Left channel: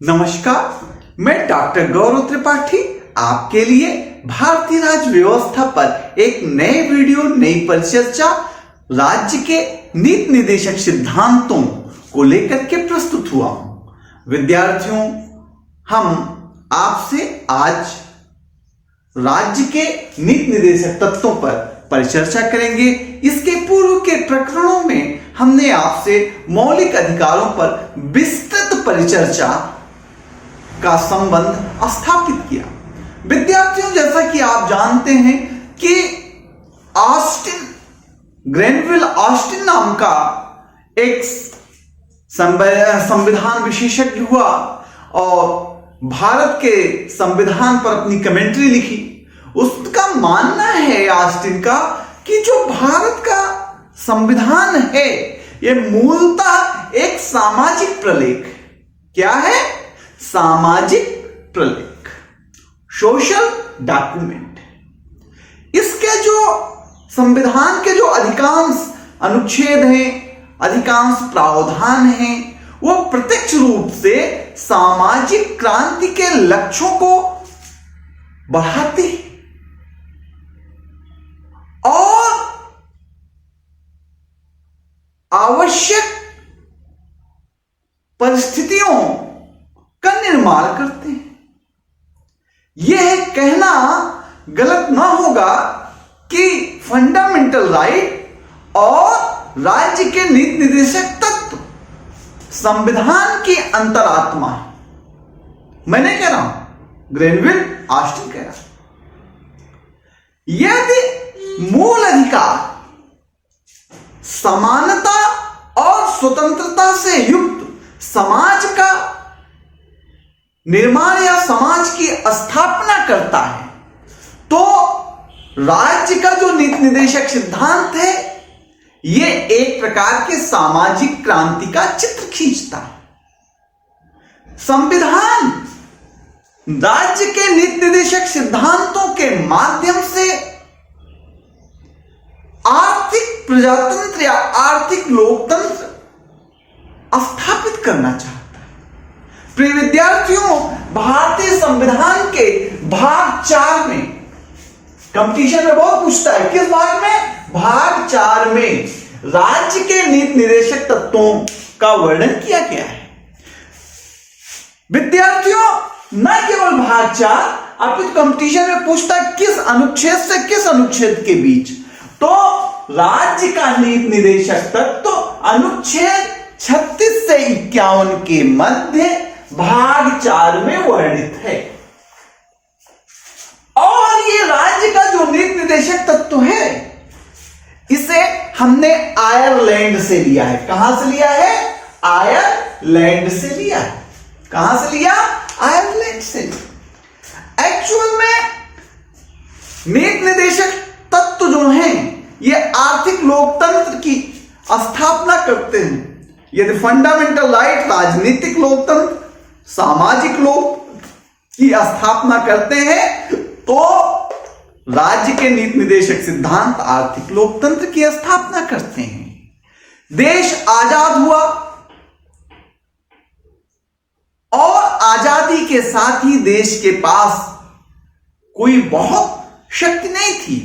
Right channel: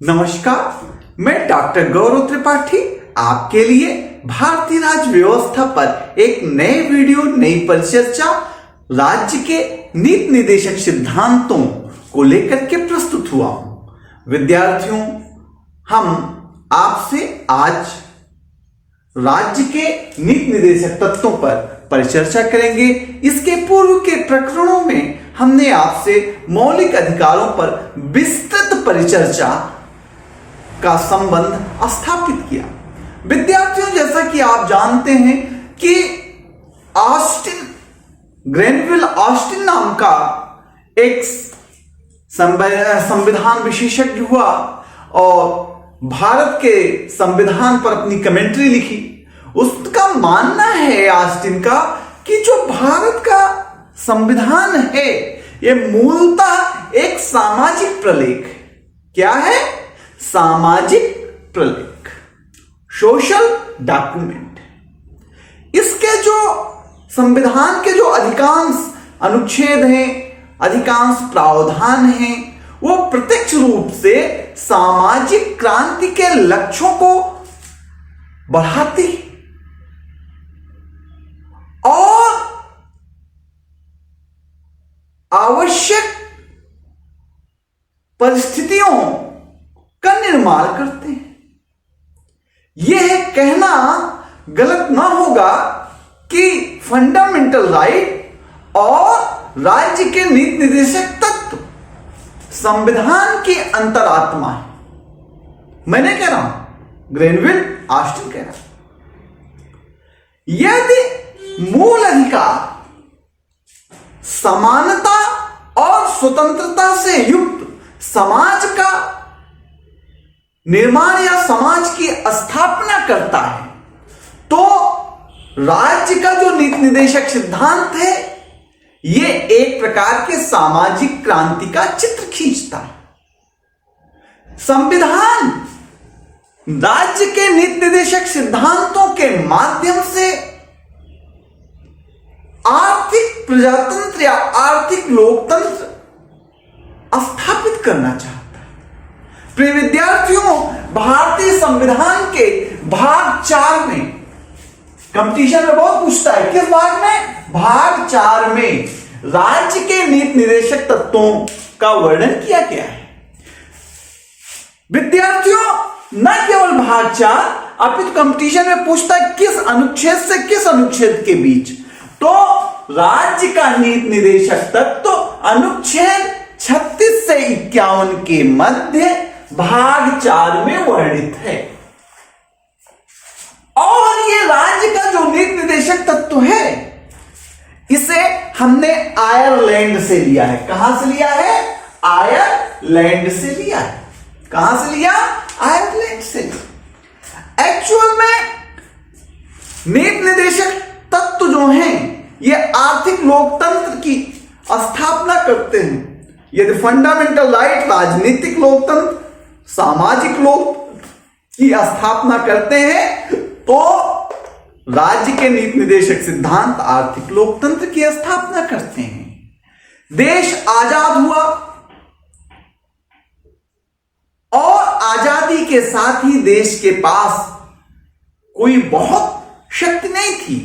नमस्कार, मैं डॉक्टर गौरव त्रिपाठी आपके लिए भारतीय राज्य व्यवस्था पर एक नए वीडियो, नई परिचर्चा, राज्य के नीति निर्देशक सिद्धांतों को लेकर के प्रस्तुत हुआ हूं। विद्यार्थियों, हम आपसे आज राज्य के नीति निर्देशक तत्वों पर परिचर्चा करेंगे। इसके पूर्व के प्रकरणों में हमने आपसे मौलिक अधिकारों पर विस्तृत परिचर्चा का संबंध स्थापित किया। विद्यार्थियों, जैसा कि आप जानते हैं कि ग्रेनविल ऑस्टिन नाम का एक संविधान विशेषज्ञ हुआ और भारत के संविधान पर अपनी कमेंट्री लिखी। उसका मानना है ऑस्टिन का कि जो भारत का संविधान है यह मूलतः एक सामाजिक प्रलेख है। क्या है? सामाजिक प्रलेख, सोशल डॉक्यूमेंट। इसके जो संविधान के जो अधिकांश अनुच्छेद हैं, अधिकांश प्रावधान हैं, वो प्रत्यक्ष रूप से सामाजिक क्रांति के लक्ष्यों को बढ़ाते हैं और आवश्यक परिस्थितियों का निर्माण करते हैं। यह कहना गलत ना होगा कि फंडामेंटल राइट और राज्य के नीति निर्देशक तत्व संविधान की अंतरात्मा है। मैं नहीं कह रहा हूं, ग्रेनविल ऑस्टिन कह रहा है। यदि मूल अधिकार समानता और स्वतंत्रता से युक्त समाज का निर्माण या समाज की स्थापना करता है, तो राज्य का जो नीति निर्देशक सिद्धांत है यह एक प्रकार के सामाजिक क्रांति का चित्र खींचता है। संविधान राज्य के नीति निर्देशक सिद्धांतों के माध्यम से आर्थिक प्रजातंत्र या आर्थिक लोकतंत्र स्थापित करना चाहता है। प्रिय विद्यार्थियों, भारतीय संविधान के भाग 4 में कंपटीशन में बहुत पूछता है, किस भाग में? भाग 4 में राज्य के नीति निर्देशक तत्वों का वर्णन किया गया है। विद्यार्थियों, न केवल भाग 4, अपितु कंपटीशन में पूछता है किस अनुच्छेद से किस अनुच्छेद के बीच। तो राज्य का नीति निर्देशक तत्व अनुच्छेद 36 से 51 के मध्य भाग 4 में वर्णित है। और ये राज्य का जो नीति निर्देशक तत्व है इसे हमने आयरलैंड से लिया है। कहां से लिया है? आयरलैंड से लिया है। कहां से लिया? आयरलैंड से लिया। एक्चुअल में नीति निर्देशक तत्व जो हैं ये आर्थिक लोकतंत्र की स्थापना करते हैं। यदि फंडामेंटल राइट राजनीतिक लोकतंत्र, सामाजिक लोकतंत्र की स्थापना करते हैं, तो राज्य के नीति निर्देशक सिद्धांत आर्थिक लोकतंत्र की स्थापना करते हैं। देश आजाद हुआ और आजादी के साथ ही देश के पास कोई बहुत शक्ति नहीं थी,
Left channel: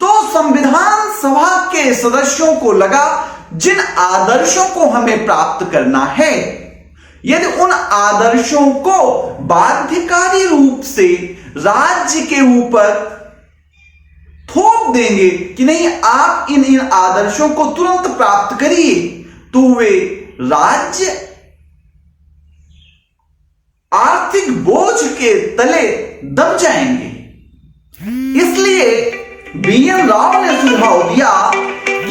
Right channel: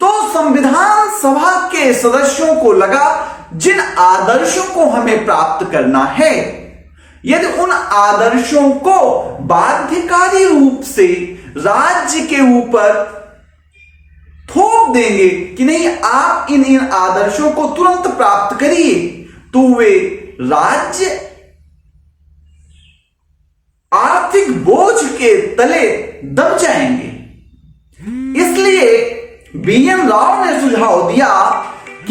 तो संविधान सभा के सदस्यों को लगा जिन आदर्शों को हमें प्राप्त करना है, यदि उन आदर्शों को बाध्यकारी रूप से राज्य के ऊपर थोप देंगे कि नहीं आप इन आदर्शों को तुरंत प्राप्त करिए, तो वे राज्य आर्थिक बोझ के तले दब जाएंगे। इसलिए बीएन राव ने सुझाव दिया कि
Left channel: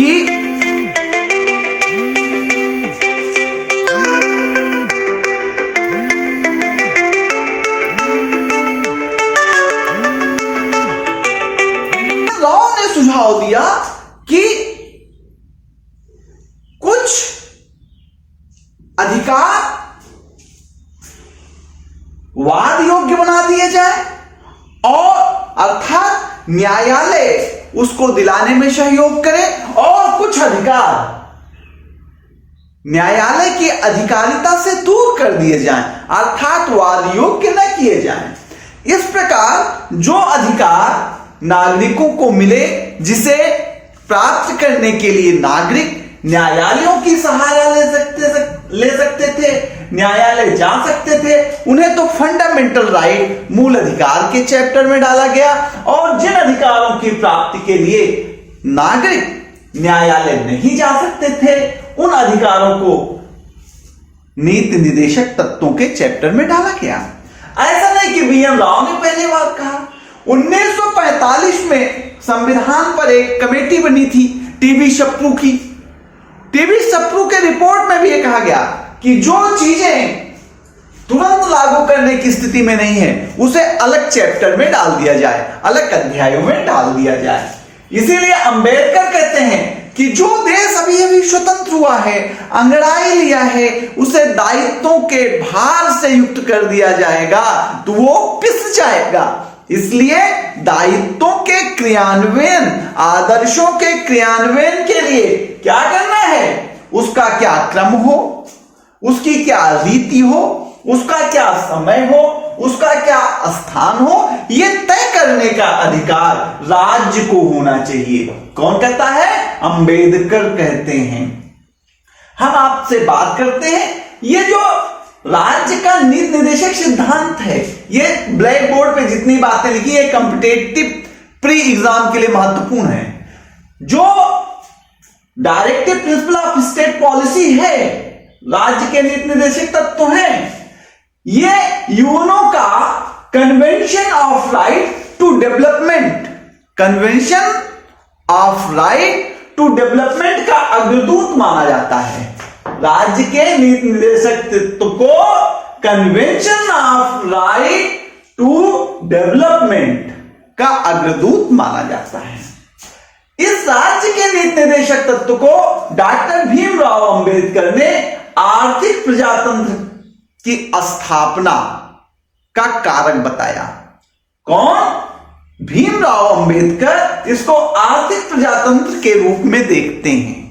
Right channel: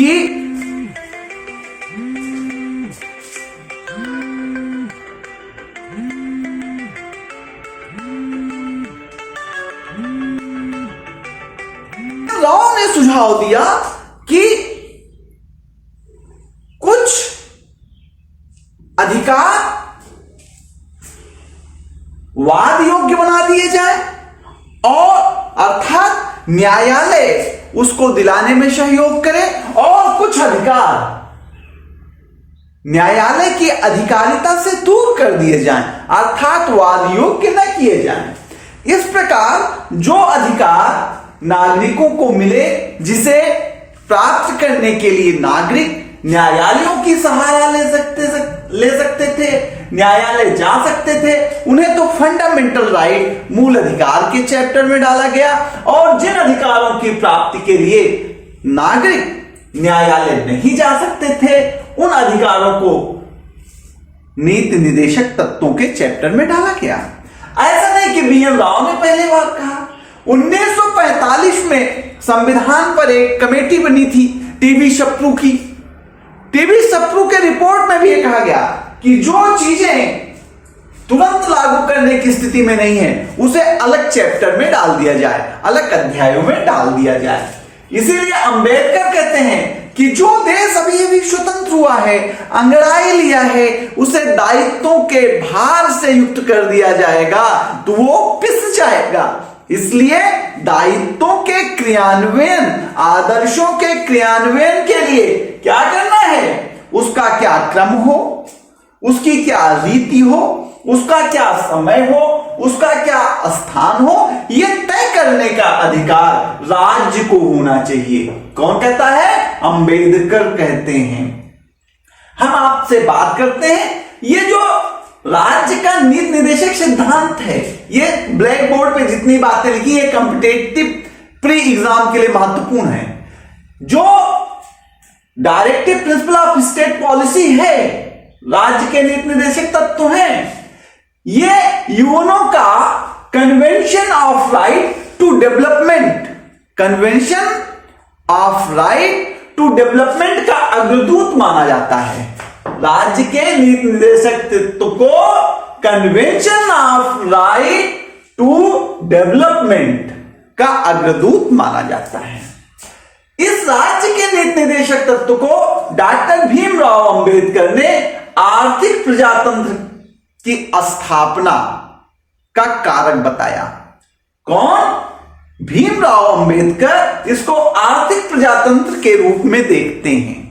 कुछ अधिकार वाद योग्य बना दिए जाए और अर्थात न्यायालय उसको दिलाने में सहयोग करे, और कुछ अधिकार न्यायालय की अधिकारिता से दूर कर दिए जाएं, अर्थात वाद योग्य न किए जाएं। इस प्रकार जो अधिकार नागरिकों को मिले, जिसे प्राप्त करने के लिए नागरिक न्यायालयों की सहारा ले सकते थे, न्यायालय जा सकते थे, उन्हें तो फंडामेंटल राइट, मूल अधिकार के चैप्टर में डाला गया। और जिन अधिकारों की प्राप्ति के लिए नागरिक न्यायालय नहीं जा सकते थे, उन अधिकारों को नीति निर्देशक तत्वों के चैप्टर में डाला गया। ऐसा नहीं कि बीएन राव ने पहले बार कहा। 1945 में संविधान पर एक कमेटी बनी थी टीवी सप्रू की। टीवी सप्रू के रिपोर्ट में भी ये कहा गया कि जो चीजें तुरंत लागू करने की स्थिति में नहीं है, उसे अलग चैप्टर में डाल दिया जाए, अलग अध्यायों में डाल दिया जाए। इसीलिए अंबेडकर कहते हैं कि जो देश अभी अभी स्वतंत्र हुआ है, अंगड़ाई लिया है, उसे दायित्वों के भार से युक्त कर दिया जाएगा तो वो पिस जाएगा। इसलिए दायित्वों के क्रियान्वयन, आदर्शों के क्रियान्वयन के लिए क्या करना है, उसका क्या क्रम हो, उसकी क्या रीति हो, उसका क्या समय हो, उसका क्या स्थान हो, यह तय करने का अधिकार राज्य को होना चाहिए। कौन कहता है? अंबेडकर कहते हैं। हम आपसे बात करते हैं, ये जो राज्य का नीति निर्देशक सिद्धांत है, ये ब्लैक बोर्ड पे जितनी बातें लिखी है कॉम्पिटेटिव प्री एग्जाम के लिए महत्वपूर्ण है। जो directive principle of state policy है, राज्य के नीति निर्देशक तत्व हैं, ये यूएनओ का convention of right to development, convention of right to development का अग्रदूत माना जाता है। राज्य के नीति निर्देशक तत्व को convention of right to development का अग्रदूत माना जाता है। इस राज्य के नीति निर्देशक तत्व को डॉक्टर भीमराव अंबेडकर ने आर्थिक प्रजातंत्र की स्थापना का कारक बताया। कौन? भीमराव अंबेडकर इसको आर्थिक प्रजातंत्र के रूप में देखते हैं।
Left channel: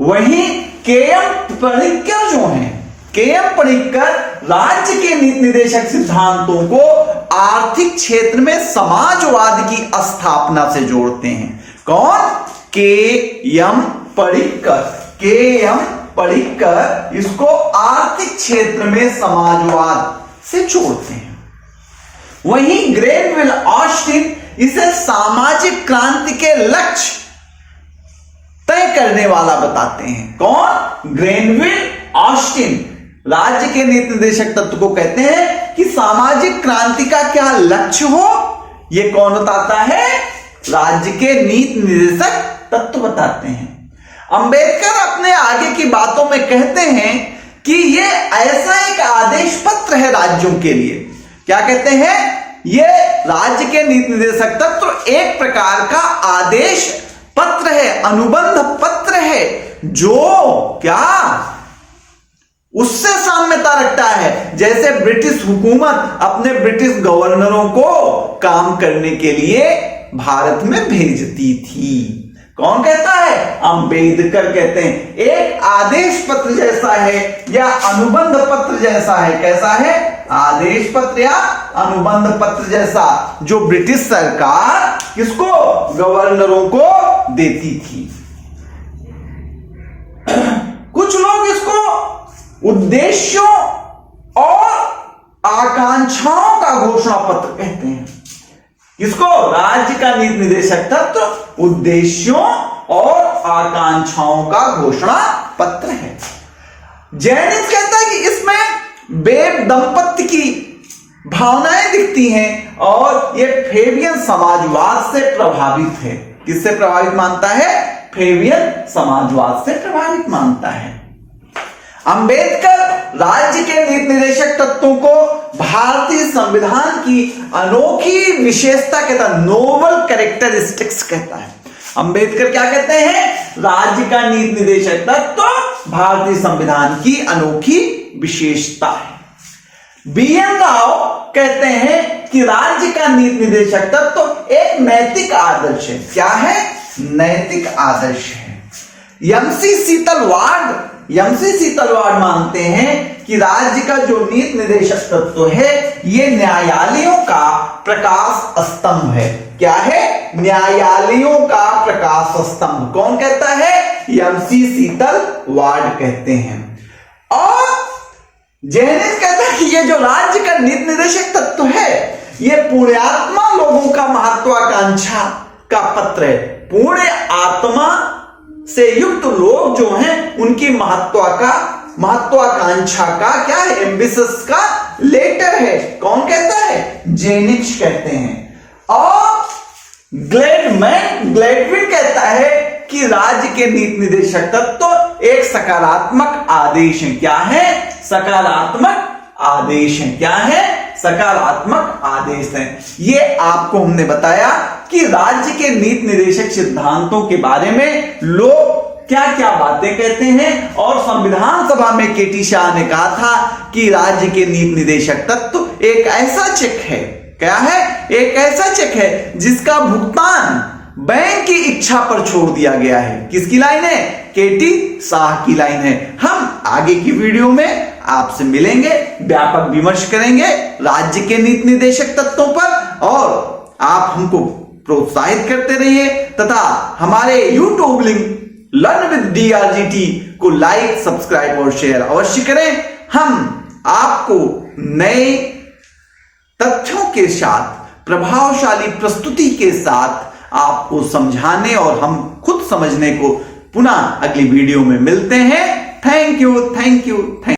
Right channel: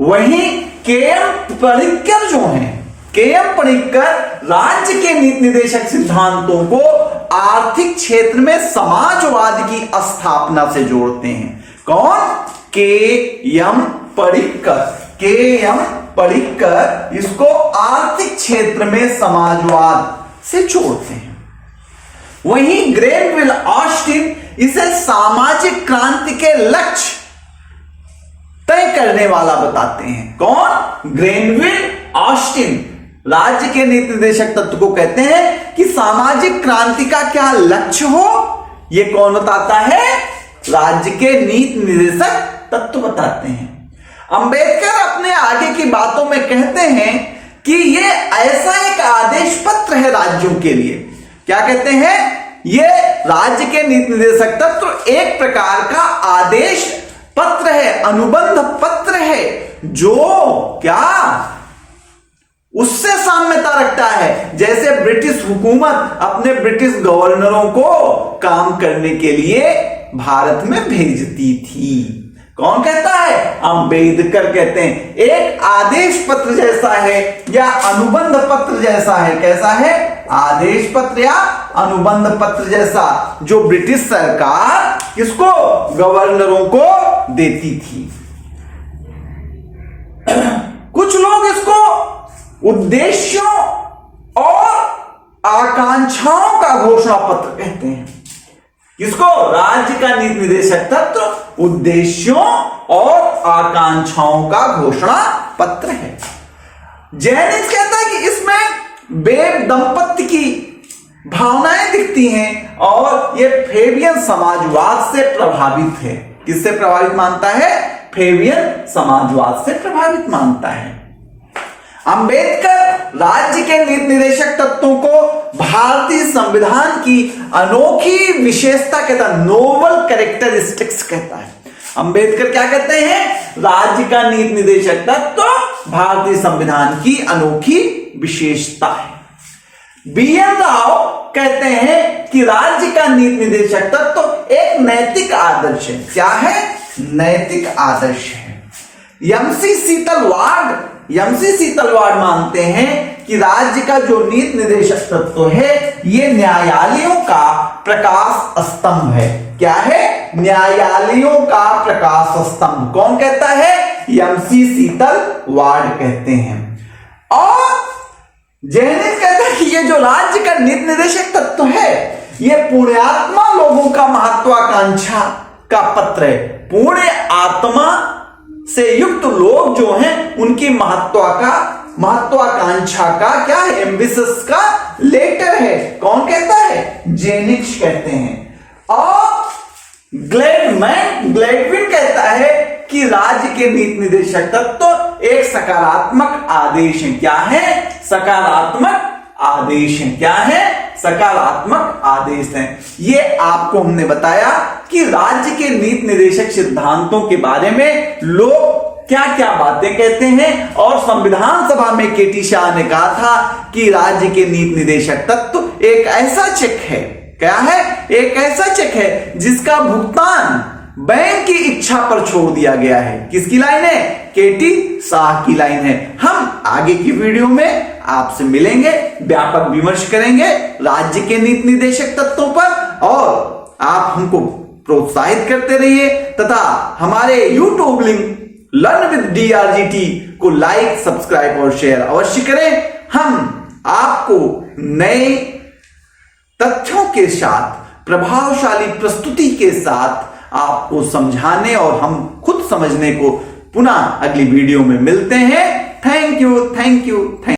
वहीं के.एम. पणिक्कर जो हैं, के.एम. पणिक्कर राज्य के नीति निर्देशक सिद्धांतों को आर्थिक क्षेत्र में समाजवाद की स्थापना से जोड़ते हैं। कौन? के.एम. पणिक्कर। के.एम. पणिक्कर इसको आर्थिक क्षेत्र में समाजवाद से जोड़ते हैं। वहीं ग्रेनविल ऑस्टिन इसे सामाजिक क्रांति के लक्ष्य तय करने वाला बताते हैं। कौन? ग्रेनविल ऑस्टिन राज्य के नीति निर्देशक तत्व को कहते हैं कि सामाजिक क्रांति का क्या लक्ष्य हो, यह कौन बताता है? राज्य के नीति निर्देशक तत्व बताते हैं। अंबेडकर अपने आगे की बातों में कहते हैं कि यह ऐसा एक आदेश पत्र है राज्यों के लिए। क्या कहते हैं? यह राज्य के नीति निर्देशक तत्व एक प्रकार का आदेश पत्र है, अनुबंध पत्र है, जो क्या उससे साम्यता रखता है। जैसे ब्रिटिश हुकूमत अपने ब्रिटिश गवर्नरों को काम करने के लिए भारत में भेजती थी। कौन कहता है? अंबेडकर कहते हैं एक आदेश पत्र जैसा है या अनुबंध पत्र जैसा है। कैसा है? आदेश पत्र या अनुबंध पत्र जैसा, जो ब्रिटिश सरकार किसको? गवर्नरों को देती थी। कुछ लोग इसको उद्देश्यों और आकांक्षाओं का घोषणा पत्र कहते हैं। किसको? राज्य का नीति निर्देशक तत्व उद्देश्यों और आकांक्षाओं का घोषणा पत्र है। जैनिज्म कहता है कि इसमें वेब दंपत्ति की भावनाएं दिखती हैं और यह फेबियन समाजवाद से प्रभावित है। किससे प्रभावित मानता है? फेबियन समाजवाद से प्रभावित मानता है। अंबेडकर राज्य के नीति निर्देशक तत्वों को भारतीय संविधान की अनोखी विशेषता कहता है, नोबल कैरेक्टरिस्टिक्स कहता है। अंबेडकर क्या कहते हैं? राज्य का नीति निर्देशक तत्व भारतीय संविधान की अनोखी विशेषता है। बीएन राव कहते हैं कि राज्य का नीति निर्देशक तत्व एक नैतिक आदर्श है। क्या है? नैतिक आदर्श है। एमसी शीतल वार्ड एमसीसी तलवार मानते हैं कि राज्य का जो नीति निर्देशक तत्व है ये न्यायालयों का प्रकाश स्तंभ है। क्या है? न्यायालयों का प्रकाश स्तंभ। कौन कहता है? एमसीसी तलवार कहते हैं। और जेनिथ कहता है कि ये जो राज्य का नीति निर्देशक तत्व है ये पुण्यात्मा लोगों का महत्वाकांक्षा का पत्र है। पुण्य आत्मा से युक्त लोग जो हैं उनकी महत्वाकांक्षा का क्या है? एम्बिशस का लेटर है। कौन कहता है? जेनिथ कहते हैं। और ग्लेडविन कहता है कि राज्य के नीति निर्देशक तत्व एक सकारात्मक आदेश है। क्या है? सकारात्मक आदेश है। क्या है? सकारात्मक आदेश है। ये आपको हमने बताया कि राज्य के नीति निर्देशक सिद्धांतों के बारे में लोग क्या क्या बातें कहते हैं। और संविधान सभा में केटी शाह ने कहा था कि राज्य के नीति निर्देशक तत्व एक ऐसा चेक है। क्या है? एक ऐसा चेक है जिसका भुगतान बैंक की इच्छा पर छोड़ दिया गया है। किसकी लाइन है? केटी शाह की लाइन है। हम आगे की वीडियो में आपसे मिलेंगे, व्यापक विमर्श करेंगे राज्य के नीति निर्देशक तत्वों पर। और आप हमको प्रोत्साहित करते रहिए तथा हमारे YouTube link learn with DRGT को लाइक, सब्सक्राइब और शेयर अवश्य करें। हम आपको नए तथ्यों के साथ, प्रभावशाली प्रस्तुति के साथ आपको समझाने और हम खुद समझने को पुनः अगली वीडियो में मिलते हैं। Thank you.